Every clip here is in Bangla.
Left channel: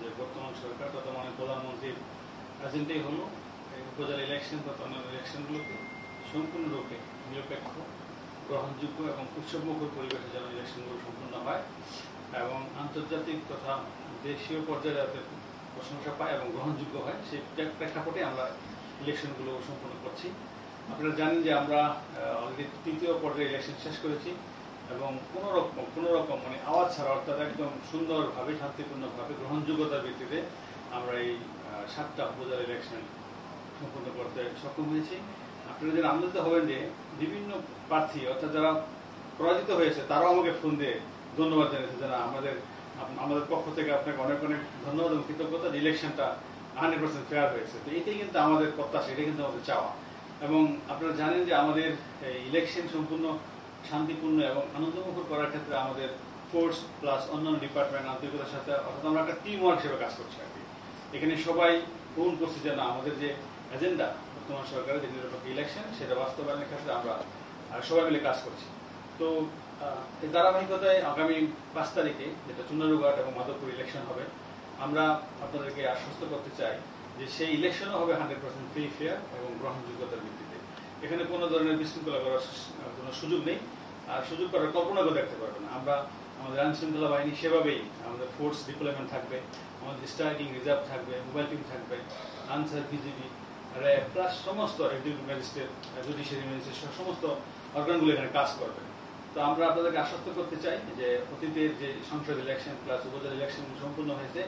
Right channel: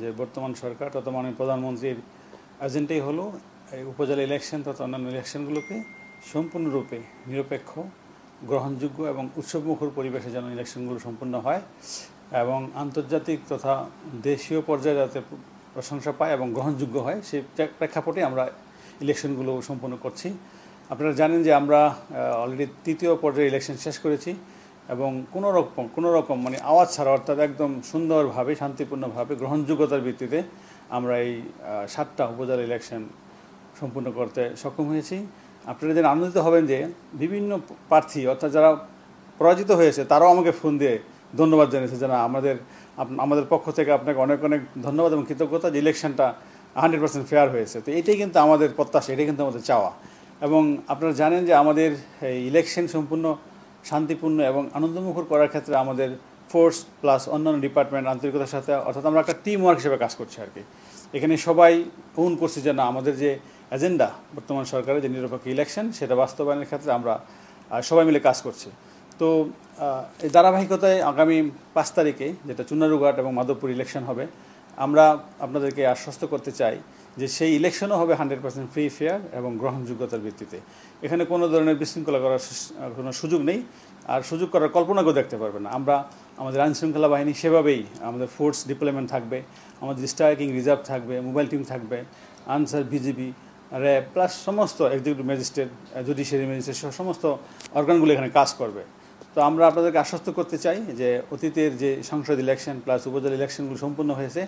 যে বর্তমান সরকার তথা মাননীয় প্রধানমন্ত্রীর এজেন্ডাই হলো এই উপজেলা ইলেকশন তথা অন্যান্য ইলেকশনগুলোকে সম্পূর্ণরূপে নিরপেক্ষ, গ্রহণযোগ্য এবং উৎসবমুখর পরিবেশে যেন ইলেকশনগুলো সম্পূর্ণ হয় এবং আন্তর্জাতিক তথা দেশীয় পর্যায়ে যাতে প্রশংসা পায় এবং গ্রহণযোগ্য হয় সেই প্রেক্ষাপটে আমরা ইলেকশনগুলো সম্পন্ন করছি। আপনারা জানেন যে আমরা অলরেডি তৃতীয় পর্যায়ে ইলেকশন শেষ করেছি এবং কোনো রকম মানে আওয়াজ ছাড়া অর্থাৎ একদম সুন্দরভাবে শান্তিপূর্ণভাবে গ্রহণযোগ্যতার ভিত্তিতে আমরা এই 7টা উপজেলা ইলেকশন সম্পূর্ণ করতে সক্ষম হয়েছি। আপনারা যেন আনন্দিত হবেন যে বিভিন্ন প্রার্থী অর্থাৎ যারা পরাজিত হয়েছে তারাও আমাকে ফোন দিয়ে ধন্যবাদ জানিয়েছে যে না আমাদের পক্ষ থেকে আপনাকে অনেক অনেক ধন্যবাদ এবং কৃতজ্ঞতা যে ইলেকশনটা 100% ফেয়ার হয়েছে। তো এটাই কিন্তু আমাদের প্রত্যাশা, এটাই কিন্তু আমাদের চাওয়া। এবং আপনারা জানেন যে আমাদের এই ইলেকশন সম্পূর্ণ শান্তিপূর্ণ এবং আনন্দমুখর করার ক্ষেত্রে আমাদের ফোর্স প্লাস অন্যান্য ডিপার্টমেন্ট আন্তরিকতার সাথে অর্থাৎ আমরা একটা টিম ওয়ার্ক হিসেবে কাজ করছি আর কি। এখানে সবাই করছি যে না আমাদের যে এজেন্ডা বর্তমান সরকারের যে নিরপেক্ষ ইলেকশন সেটা বাস্তবায়নের ক্ষেত্রে আমরা সবাই মিলে কাজ করছি। তো এই ধারাবাহিকতায় আগামী 5 তারিখে যেটা চুনারুঘাট এবং মাধবপুর ইলেকশন হবে, আমরা আপনাদেরকে আশ্বস্ত করতে চাই যে সেই ইলেকশনও হবে 100% ফ্রি ফেয়ার এবং গ্রহণযোগ্যতার ভিত্তিতে। এখানে কোনো ধরনের বিশৃঙ্খলা করার কোনো সুযোগ নেই, আর সুযোগ করার কল্পনাকেও দেখতে পারবে না। আমরা আমাদের আইনশৃঙ্খলা বাহিনী সেভাবেই আমাদের ফোর্স ডিপ্লয়মেন্ট থাকবে, আমাদের স্ট্রাইকিং রিজার্ভ থাকবে, মোবাইল টিম থাকবে, আনসার, বিজিবি, র্যাব প্লাস সমস্ত এক্সিকিউটিভ ম্যাজিস্ট্রেট, জুডিশিয়ারি ম্যাজিস্ট্রেট সহ সমস্ত অর্গানগুলো এখানে কাজ করবে। তো আমরা আপনাদেরকে আশ্বস্ত করতে চাই যে অতীতের যে সংসদ ইলেকশন প্লাস উপজেলা ইলেকশনগুলো সম্পূর্ণ হয়েছে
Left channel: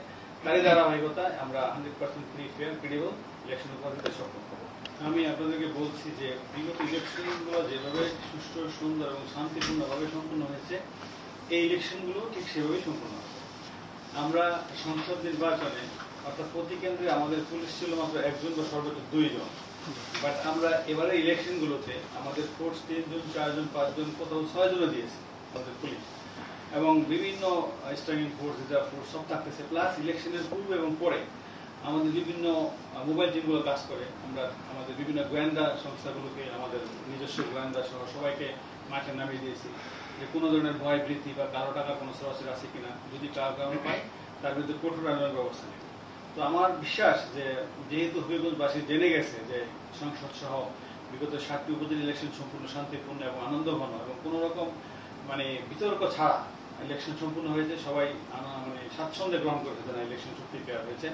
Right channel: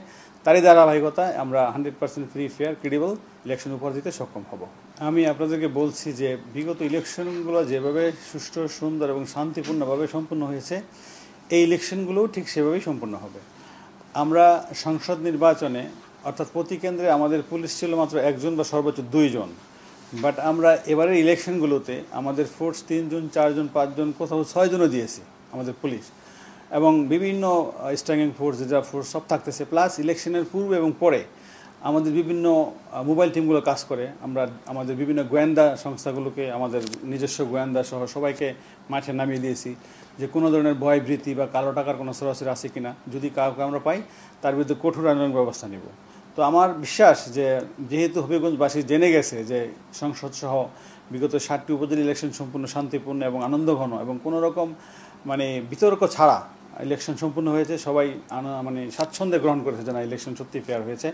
তারই ধারাবাহিকতায় আমরা 100% ফ্রি ফেয়ার ক্রেডিবল ইলেকশন উপহার দিতে সক্ষম হব। আমি আপনাদেরকে বলছি যে বিগত ইলেকশনগুলো যেভাবে সুষ্ঠু, সুন্দর এবং শান্তিপূর্ণভাবে সম্পূর্ণ হয়েছে এই ইলেকশনগুলোও ঠিক সেভাবেই সম্পূর্ণ হবে। আমরা সংসদ নির্বাচনে অর্থাৎ প্রতি কেন্দ্রে আমাদের পুলিশ ছিল মাত্র 1 জন বা সর্বোচ্চ 2 জন, বাট আমরা এবারের ইলেকশনগুলোতে আমাদের ফোর্স 3 জন, 4 জন, 5 জন, কোথাও 6 জনও দিয়েছে আমাদের পুলিশ এবং বিভিন্ন স্ট্রাইকিং ফোর্স, রিজার্ভ ফোর্স সব থাকতেছে। প্লাস ইলেকশনের পূর্বে এবং পরে আমাদের বিভিন্ন মোবাইল টিমগুলো কাজ করে। আমরা আমাদের বিভিন্ন গোয়েন্দা সংস্থাগুলোকে আমাদের নিজস্ব গোয়েন্দা সহ সবাইকে মাঠে নামিয়ে দিয়েছি যে কোনো ধরনের ভয় ভীতি বা কালো টাকার কোনো সরাসরি আছে কিনা, যদি কাউকে আমরা পাই তার বিরুদ্ধে কঠোর আইনানুগ ব্যবস্থা নেব। তো আমার বিশ্বাস যে যেহেতু হবিগঞ্জবাসী জেনে গেছে যে সংসদ সহ বিগত 7টি উপজেলা ইলেকশন সম্পূর্ণ শান্তিপূর্ণ এবং আনন্দঘন এবং কোনো রকম মানে বিতর্ক ছাড়া ইলেকশন সম্পূর্ণ হয়েছে, সবাই মানে স্বাচ্ছন্দ্যে গ্রহণ করেছে যে না ইলেকশন সত্যি ফেয়ার হয়েছে।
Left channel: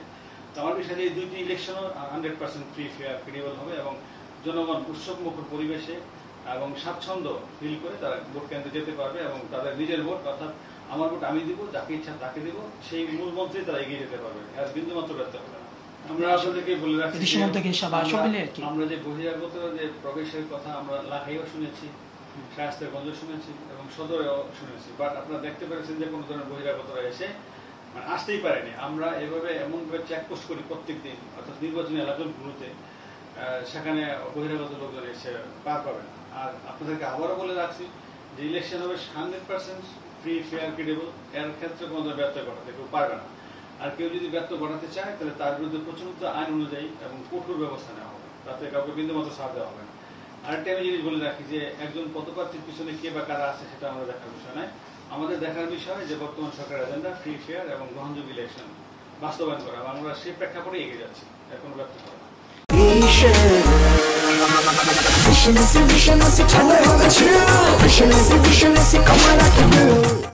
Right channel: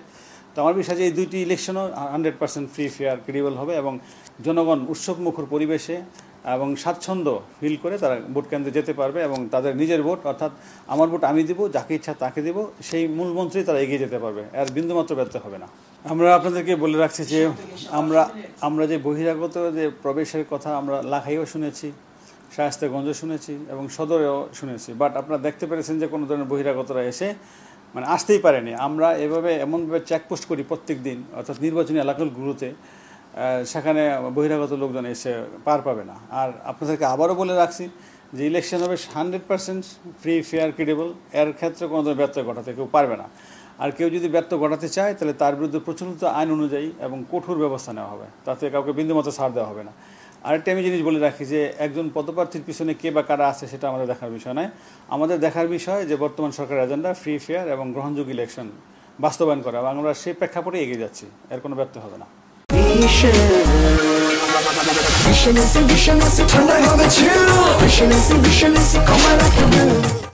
তো আমার বিশ্বাস যে এই 2টি ইলেকশনও 100% ফ্রি ফেয়ার ক্রেডিবল হবে এবং জনগণ উৎসবমুখর পরিবেশে এবং স্বাচ্ছন্দ্য ফিল করে তারা ভোট কেন্দ্রে যেতে পারবে এবং তাদের নিজের ভোট অর্থাৎ আমার ভোট আমি দিব, যাকে ইচ্ছা তাকে দিব, সেই মূল মন্ত্রেই তারা এগিয়ে যেতে পারবে, আর বিন্দুমাত্র ব্যর্থ হবে না। আমরা আপনাদেরকে বলে রাখছি যে আমরা যে বহিরাগত যে প্রবেশের কথা আমরা লাখাইও শুনেছি, শায়েস্তাগঞ্জে শুনেছি এবং সদরেও শুনেছি, বাট আপনারা দেখতে পেরেছেন যে কোনো ধরনের বহিরাগতরা এসে মানে আসতেই পারেনি। আমরা এমনভাবে চেকপোস্ট করি প্রত্যেক দিন অর্থাৎ নির্বাচনী এলাকাগুলোতে, সেখানে বহিরাগত লোকজন এসে পার পাবে না। আর আপনাদেরকে আবারও বলে রাখছি যে ইলেকশন হবে 100% ফ্রি ফেয়ার ক্রেডিবল, এর ক্ষেত্রে কোনো ধরনের ব্যর্থ ঘটাতে কেউ পারবে না। আর কেউ যদি ব্যর্থ ঘটাতে চায় তাহলে তার বিরুদ্ধে প্রচলিত আইন অনুযায়ী এবং কঠোর ব্যবস্থা নেওয়া হবে, তাতে কাউকে বিন্দুমাত্র ছাড় দেওয়া হবে না। আরেকটা আমি জিনিস বলে রাখি যে একজন পদপ্রার্থীর পিছনে কে বা কারা আছে সেটা আমাদের দেখার বিষয় নয়। আমাদের দেখার বিষয় যে বর্তমান সরকারের এজেন্ডা ফ্রি ফেয়ার এবং গ্রহণযোগ্য ইলেকশন বাস্তবায়ন করা, এবং আমরা সেই প্রেক্ষাপটে এগিয়ে যাচ্ছি, এর কোনো ব্যর্থ হবে না। Vision is a vision, I see, turn I have a chill. Vision is a vision, I see, come on, I can do.